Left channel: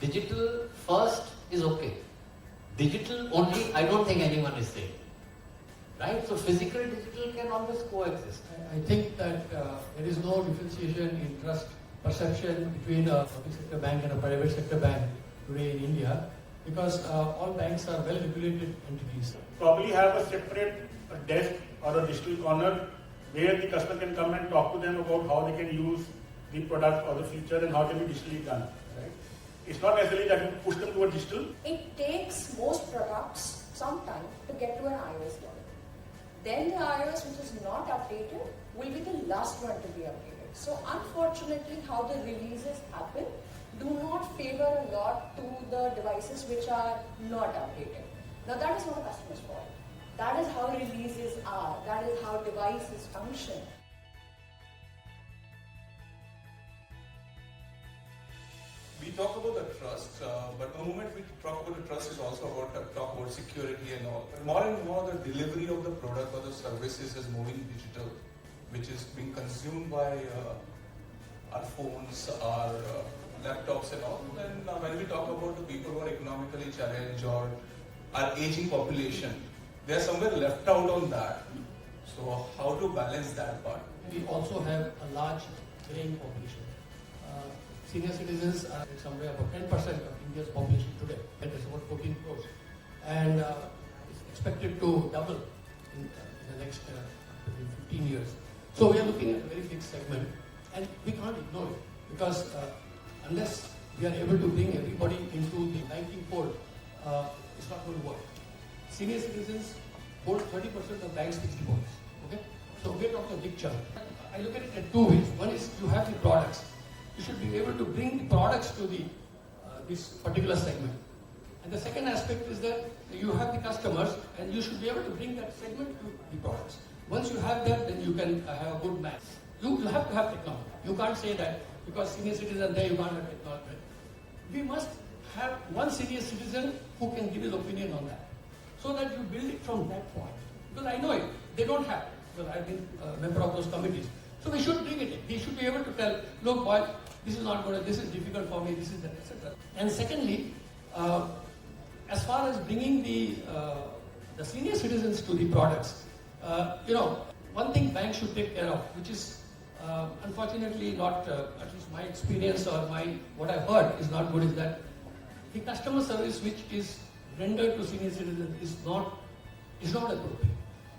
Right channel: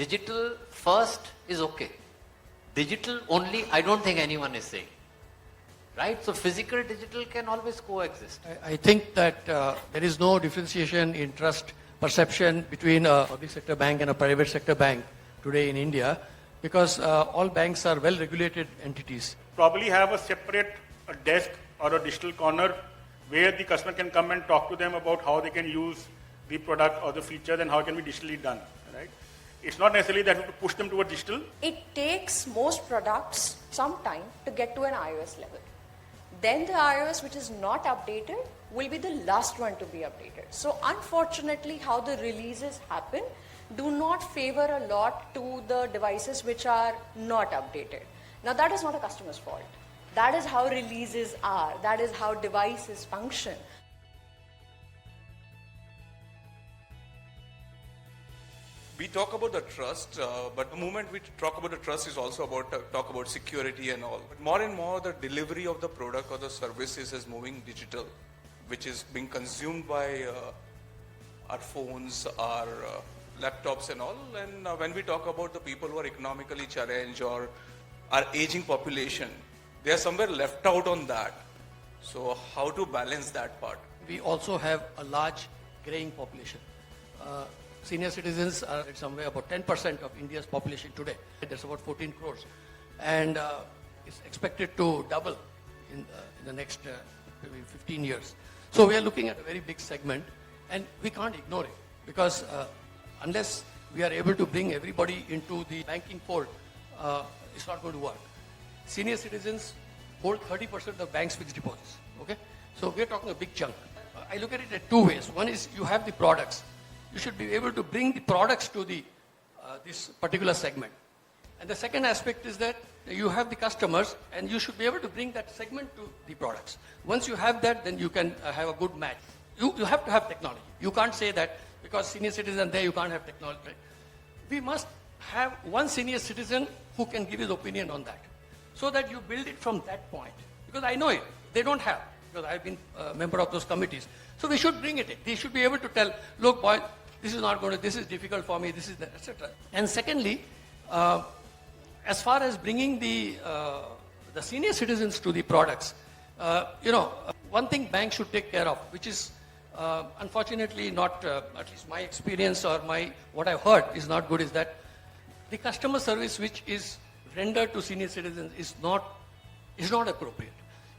digital first is okay. Digital only, I don't think anyone is saying. Right? So physical, digital can always coexist. I think that there is no differentiation in trust perception between a public sector bank and a private sector bank today in India, because all banks are well regulated entities. Probably have a separate desk or a digital corner where the customer can come and talk to them about how they can use the product or the features and how it can be digitally done. Right? It's not necessarily that you push them to a digital. It takes most products some time to get to an iOS level. Then the iOS which is not updated will be the last one to be updated. So unfortunately how the releases happen do not favor a lot to the devices which are not updated. Now that is not a customer's fault. That is how releases are. That is how devices function. We talk about the trust, but the moment we talk about the trust is also about talk about security and all. More and more, the delivery of the product or the services is moving digital, which is being consumed by our phones, our laptops and all. And when we talk about the people who are economically challenged or our aging population, they are somewhere left out on that. So how to balance that part? We also have a large graying population. Senior citizens are somewhere about 10% of India's population today. There's about 14 crores. And it's expected to double in the next maybe 15 years. So we are looking at a very big segment, and we can't ignore it, because unless we are able to bring everybody into the banking fold, it's not going to work. Senior citizens hold 30% of banks' fixed deposits. Okay? So we're talking a big chunk. I look at it in two ways. One is you have the products. You should be able to bring the products to the this particular segment. And the second aspect is that you have the customers, and you should be able to bring that segment to the products. Once you have that, then you can have a good match. You have to have technology. You can't say that because senior citizens are there, you can't have technology. We must have one senior citizen who can give his opinion on that, so that you build it from that point. Because I know it, they don't have, because I have been a member of those committees. So we should bring it in. They should be able to tell, look boy, this is not going to, this is difficult for me, this is that, etc. And secondly, as far as bringing the senior citizens to the products, one thing banks should take care of, which is unfortunately not, at least my experience or what I've heard is not good, is that the customer service which is rendered to senior citizens is not appropriate.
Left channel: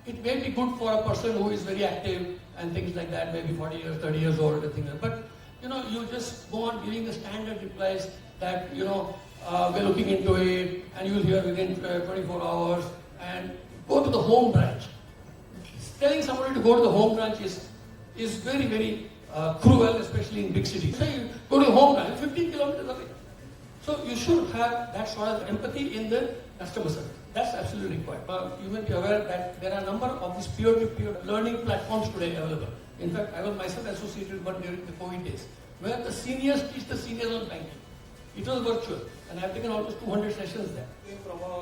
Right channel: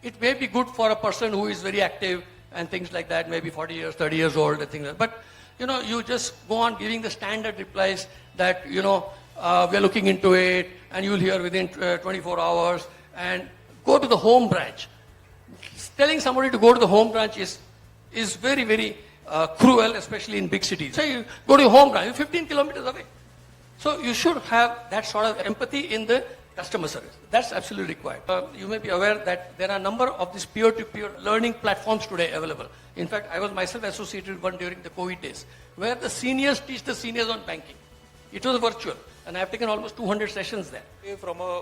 It may be good for a person who is very active and things like that, maybe 40 years, 30 years old and things like that. But you just go on giving the standard replies that, we're looking into it, and you'll hear within 24 hours, and go to the home branch. Telling somebody to go to the home branch is very, very cruel, especially in big cities. So you go to your home branch, 15 kilometers away. So you should have that sort of empathy in the customer service. That's absolutely required. You may be aware that there are a number of these peer-to-peer learning platforms today available. In fact, I was myself associated with one during the COVID days, where the seniors teach the seniors on banking. It was virtual, and I have taken almost 200 sessions there. From a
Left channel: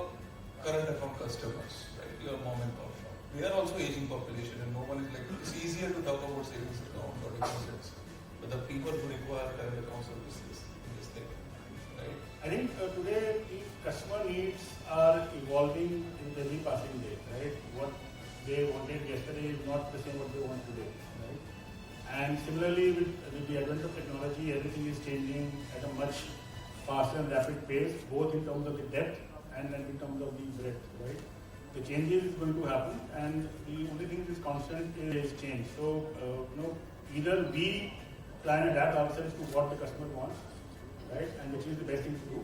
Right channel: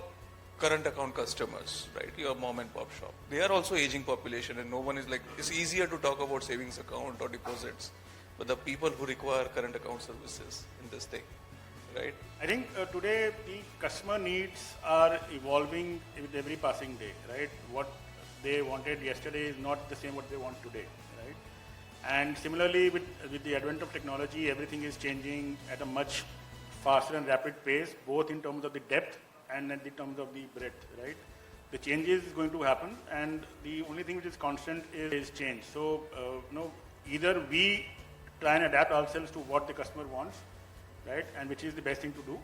current account customers, right, your mom and pop shop, they are also aging population, and no one is like, it's easier to talk about savings account or deposits, but the people who require current account services in this thing, right? I think today the customer needs are evolving with every passing day, right? What they wanted yesterday is not the same what they want today, right? And similarly with the advent of technology, everything is changing at a much faster and rapid pace, both in terms of the depth and in terms of the breadth, right? The changes is going to happen, and the only thing which is constant is change. So, either we try and adapt ourselves to what the customer wants, right, and which is the best thing to do.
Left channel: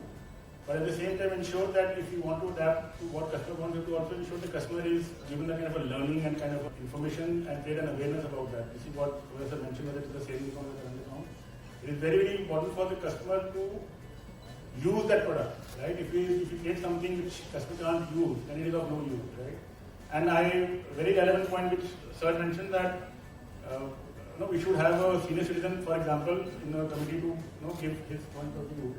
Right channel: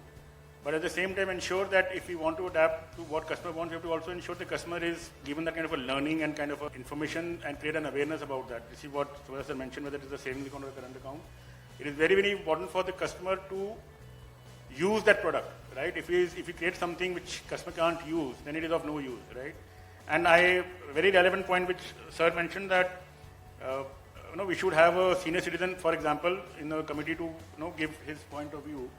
But at the same time, ensure that if we want to adapt to what customer wants, we have to also ensure the customer is given the kind of a learning and kind of a information and create an awareness about that. This is what Professor mentioned, whether it is the savings account or the current account. It is very, very important for the customer to use that product, right? If we create something which customer can't use, then it is of no use, right? And very relevant point which Sir mentioned that we should have a senior citizen, for example, in a committee to give his point of view.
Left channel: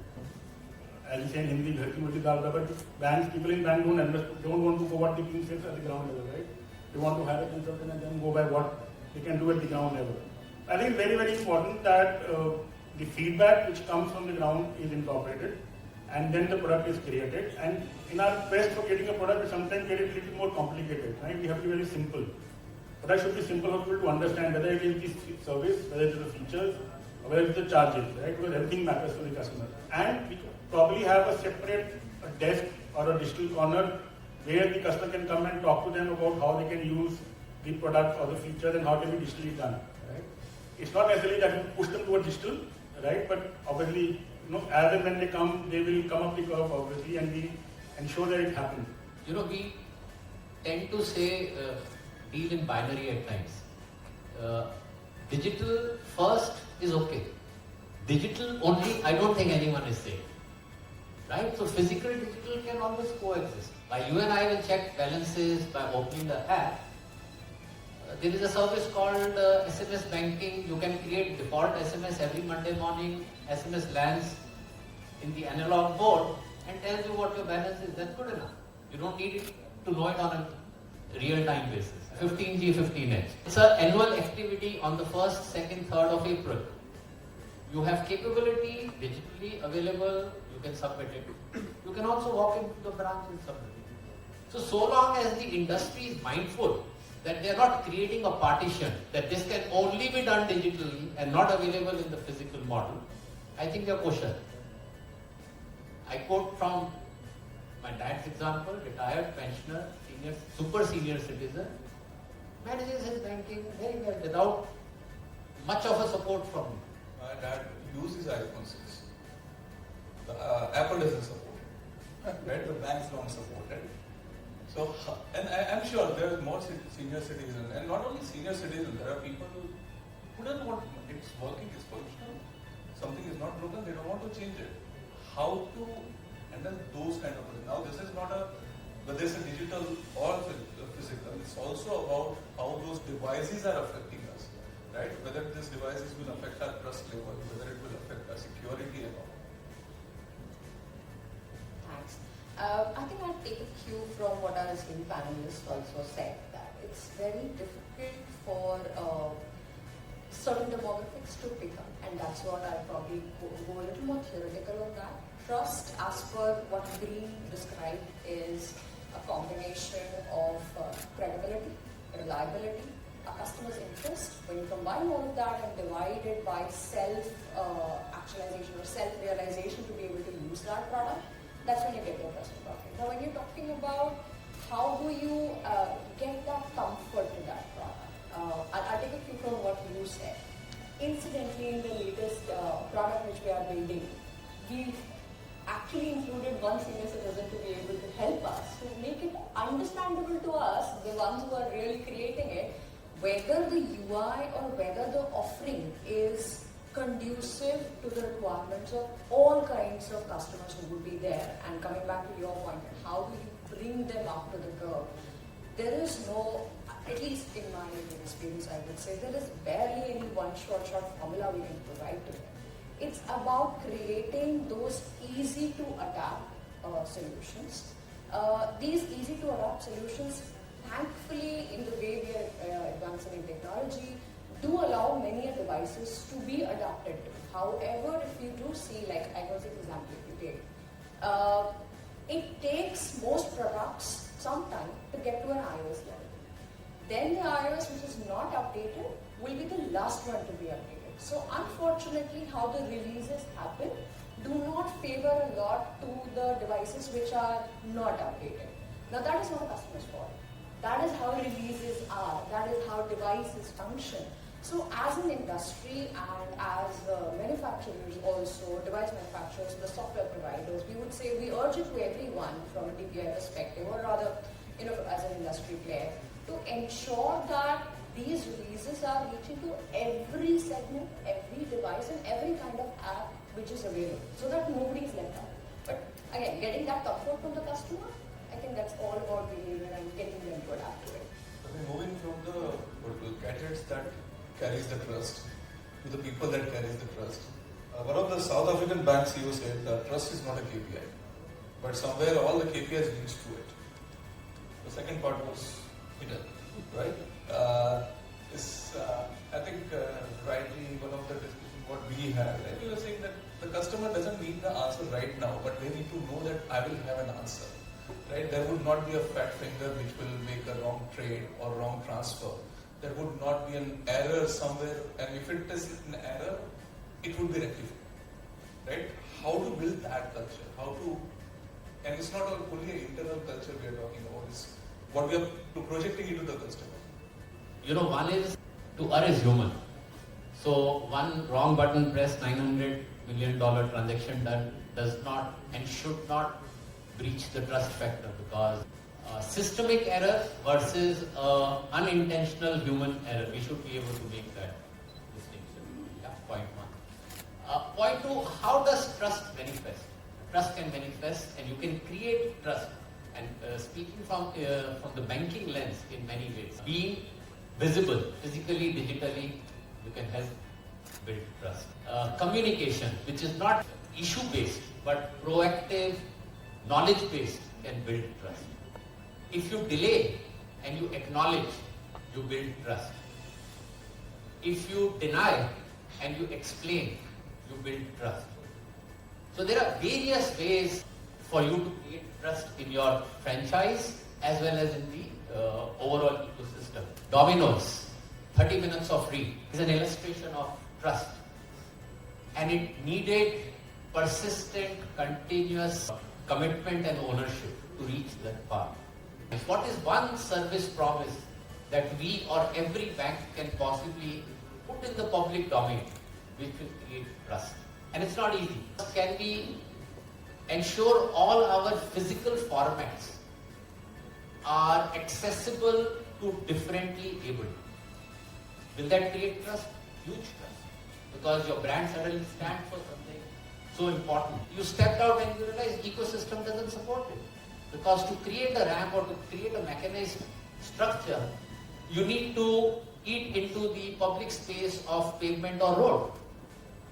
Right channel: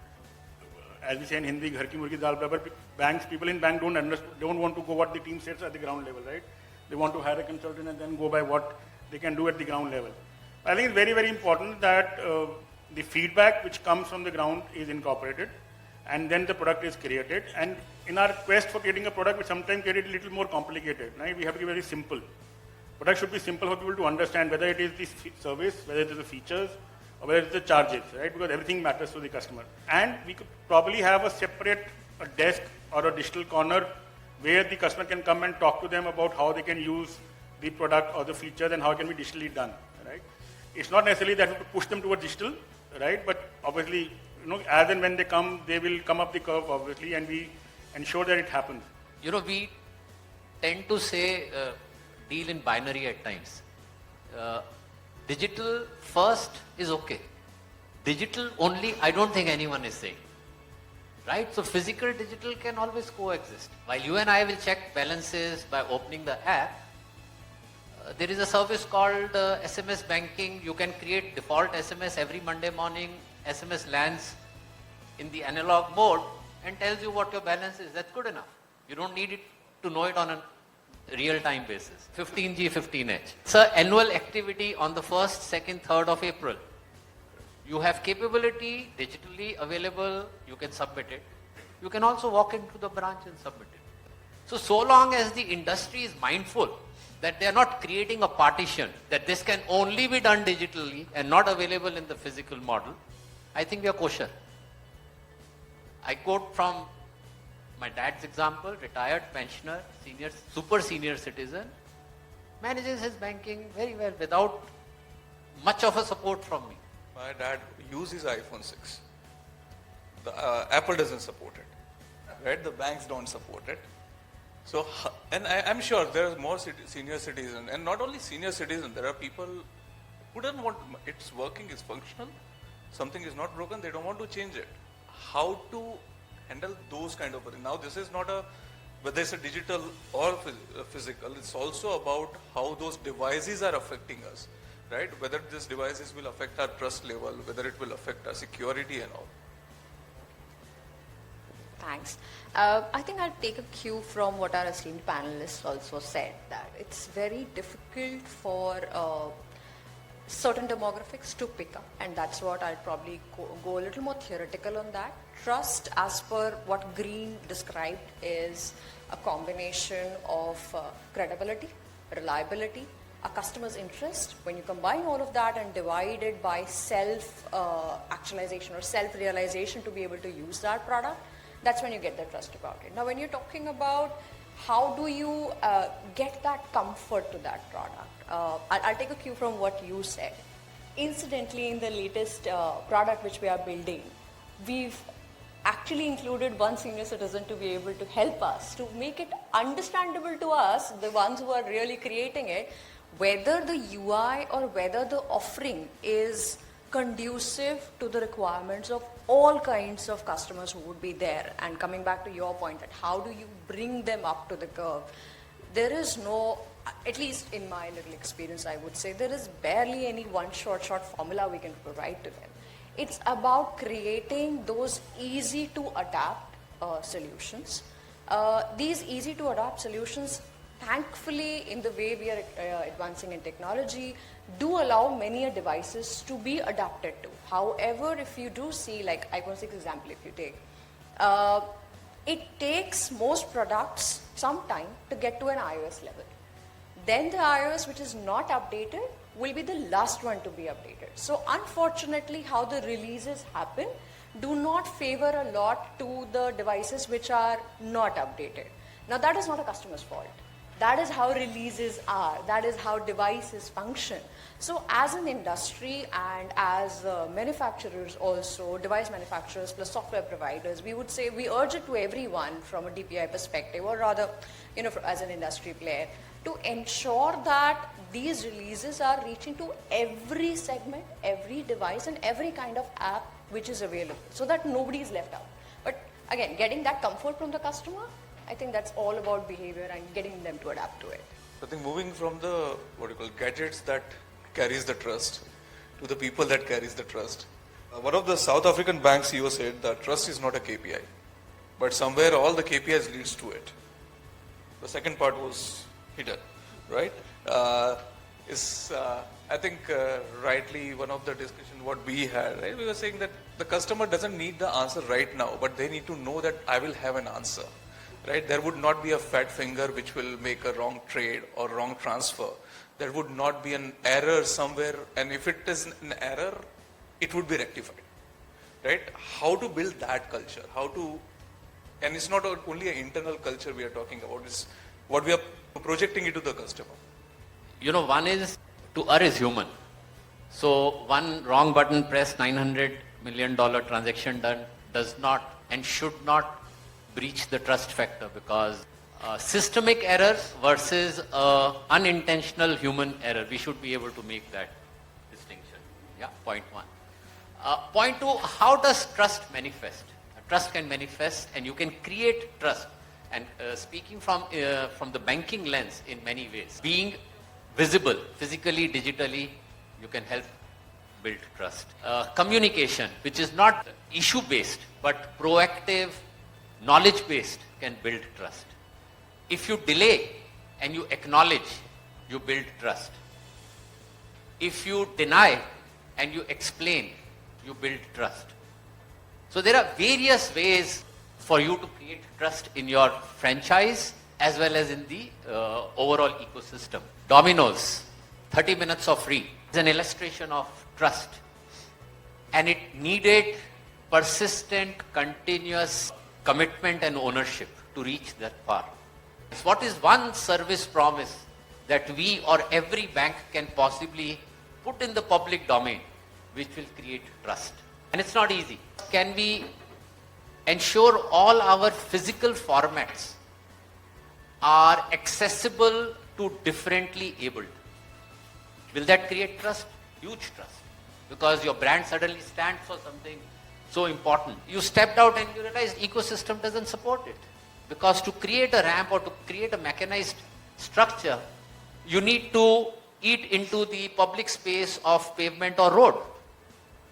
As we say in Hindi, ghar ki murgi dal barabar. Banks, people in bank don't want to go what the team says at the ground level, right? They want to hire a consultant and then go by what they can do at the ground level. I think it's very, very important that the feedback which comes from the ground is incorporated. and then the product is created. And in our quest for creating a product, we sometimes get it a little more complicated, right? We have to be very simple. Product should be simple for people to understand, whether it is the service, whether it is the features, or whether it is the charges, right? Because everything matters to the customer. And we probably have a separate desk or a digital corner where the customer can come and talk to them about how they can use the product or the features and how it can be digitally done, right? It's not necessarily that we push them towards digital, right? But obviously, as and when they come, they will come up the curve, obviously, and we ensure that it happens. We tend to say deal in binary at times. Digital first is okay. Digital only, I don't think anyone is saying. Right? So physical digital can always coexist. While you and I will check balances by opening the app, there is a service called SMS banking. You can create default SMS every Monday morning. SMS lands in the analog mode and tells you what your balance is. That's good enough. You don't need it to know it on a real-time basis. 15G, 15H. It's an annual activity on the 1st, 2nd, 3rd of April. You have capability digitally available. You can submit it. You can also walk into the branch and submit it. So long as the industry is mindful that they are not creating a partition, that this can only be done digitally and not available in the physical model, I think we are kosher. I quote from my dad's example, retired pensioner, super senior citizen, manages his banking very well without much of a support from me. My dad uses iPhone 6. Apple doesn't support it, right? The banks don't support it. So, and I'm sure there are more senior citizens, and not only senior citizens, there are people who don't want, it's working, it's functional, something is not broken, they don't want to change it. How to handle those kind of things? Now, this is not whether it's a digital or physical, it's also about how those devices are affecting us, right? Whether these devices will affect our trust level, whether it will affect our security and all. Thanks. I think I'll take a cue from what our esteemed panelists also said, that it's very difficult for certain demographics to pick up, and that's what I'll probably go a little more theoretical on that. Trust, as per what Green described, is a combination of credibility, reliability, a customer's interest. When you combine all of that and divide it by self-actualization or self-realization to be able to use that product, that's when you get the trust about it. Now, when you're talking about how do you get that comfort to that product, I'll take a cue from what you said. Incidentally, in the latest product which we are building, we've actually included one senior citizen to be able to help us, to make it understandable to us, the ones who are really creating it, whether the UI or whether the offering is conducive to the requirements of all kinds of customers who would be there. And coming back to your point, that how do you bring them up to the curve? There is no, at least in my little experience, I would say, there is barely any one short formula we can provide to them. It's about creating those easy to adapt solutions. These easy to adapt solutions, thankfully, in the way we are advancing in technology, do allow many devices to be adapted to. However, if you do see, like iPhone 6 example, if you take, it takes most products some time to get to an iOS level. Then the iOS which is not updated will be the last one to be updated. So unfortunately, how the releases happen do not favor a lot to the devices which are not updated. Now, that is not a customer's fault. That is how releases are. That is how devices function. So as an industry and as manufacturers also, device manufacturers plus software providers, we would say we urge it to everyone from a DPI perspective, or rather, as an industry player, to ensure that these releases are reaching to every segment, every device and every kind of app which is available, so that nobody is left out. But again, getting that comfort from the customer, I think that's all about behavior and getting them to adapt to it. I think moving from the gadgets that carries the trust to the people that carries the trust. One of the South African bank CEO said that trust is not a KPI, but somewhere all the KPIs leads to it. The second part was hidden, right? I think rightly one of the discussion what we had, right? We were saying that the customer doesn't need the answer right now, but they need to know that I will have an answer, right? There would not be a fat finger which will make a wrong trade or wrong transfer. There would not be an error somewhere, and if it is an error, it would be rectified, right? How to build that culture? How to, and it's not only an internal culture we are talking about, it's what we are projecting into the customer. You know, one is to err is human. So one wrong button press, $900 million transaction done does not and should not breach the trust factor, because systemic errors versus unintentional human error, we should be able to make that distinction. Yeah, point one. Point two, how does trust manifest? Trust can manifest and you can create trust. And speaking from the banking lens in many ways, being visible, physically, digitally, you can help build trust. Communication, which is not issue-based, but proactive, knowledge-based, can build trust. If you delay and you acknowledge, you build trust. If you deny and you explain, you build trust. So there are various ways for you to create trust in your franchise as well as in the overall ecosystem. Domino's, 30 minutes of free, is an illustration of trust. And it needed persistent, continuous commitment and ownership to reach that far. What is one service promise that we or every bank can possibly put in the public domain which will create trust? And it's not easy. Can we ensure all our physical formats are accessible to differently abled? Will that create trust? Huge trust. Because your brand suddenly stands for something so important. You stepped out and you realized ecosystem doesn't support it. Because to create a ramp or to create a mechanized structure, you need to eat into the public space of pavement or road.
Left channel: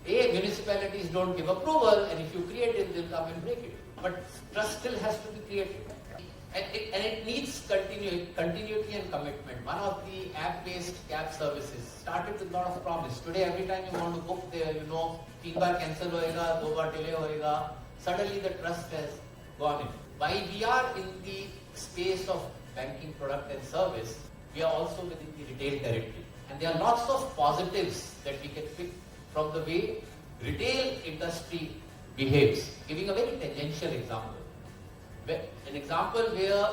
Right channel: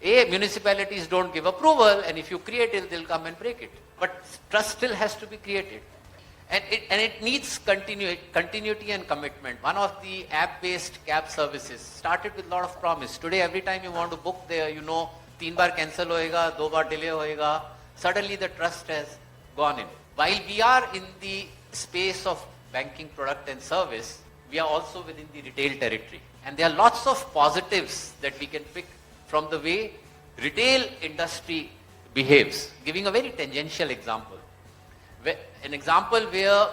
Municipalities don't give approval, and if you create it, they'll come and break it. But trust still has to be created. And it needs continuity and commitment. One of the app-based cab services started with a lot of promise. Today, every time you want to book there, you know, 3 baar cancel hoega, 2 baar delay hoega. Suddenly the trust has gone in. While we are in the space of banking product and service, we are also within the retail territory. And there are lots of positives that we can pick from the way retail industry behaves. Giving a very tangential example. An example where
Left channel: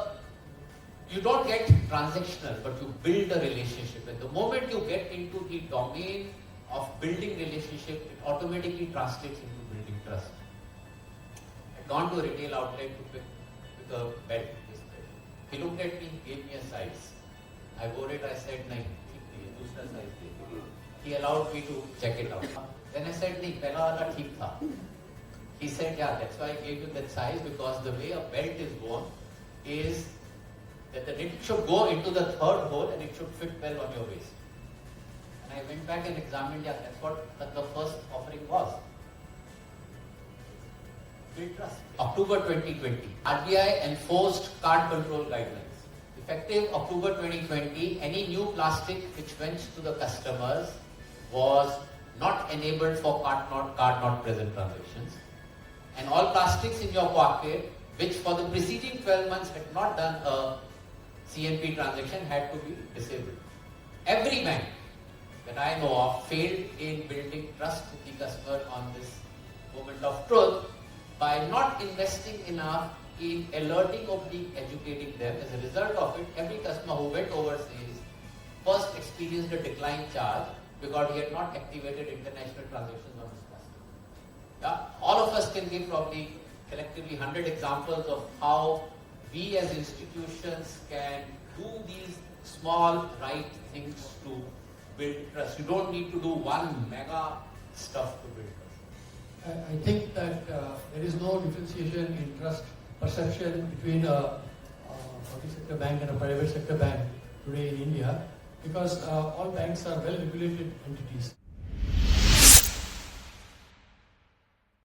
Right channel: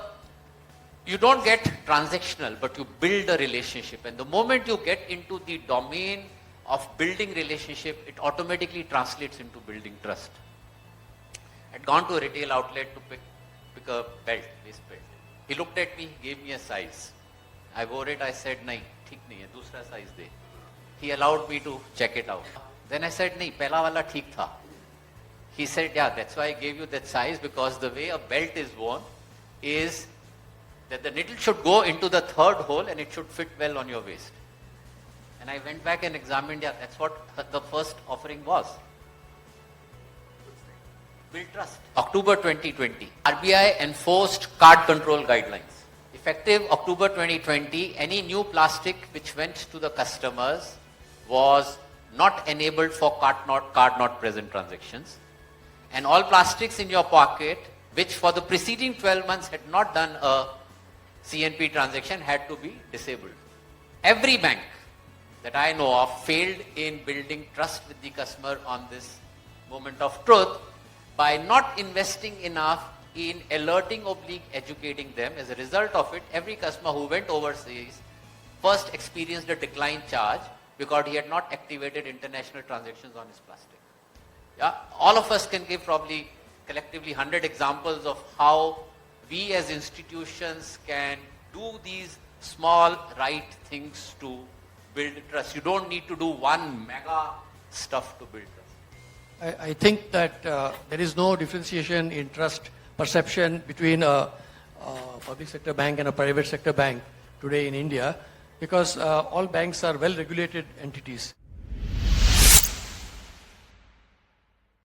you don't get transactional, but you build a relationship. And the moment you get into the domain of building relationship, it automatically translates into building trust. I'd gone to a retail outlet to pick a belt, waist belt. He looked at me, gave me a size. I wore it, I said, nahi, theek nahi hai, dusra size de. He allowed me to check it out. Then I said, nahi, pehla wala theek tha. He said, yeah, that's why I gave you that size, because the way a belt is worn is that the needle should go into the third hole and it should fit well on your waist. And I went back and examined, yeah, that's what the first offering was. Build trust. October 2020, RBI enforced card control guidelines. Effective October 2020, any new plastic which went to the customers was not enabled for card not present transactions. And all plastics in your pocket, which for the preceding 12 months had not done a CNP transaction, had to be disabled. Every bank that I know of failed in building trust with the customer on this moment of truth by not investing enough in alerting or educating them. As a result of it, every customer who went overseas first experienced a decline charge because he had not activated international transactions on his plastic. Yeah, all of us can give probably collectively 100 examples of how we as institutions can do these small right things to build trust. You don't need to do one mega stuff to build trust. I think that there is no differentiation in trust perception between a public sector bank and a private sector bank today in India, because all banks are well regulated entities.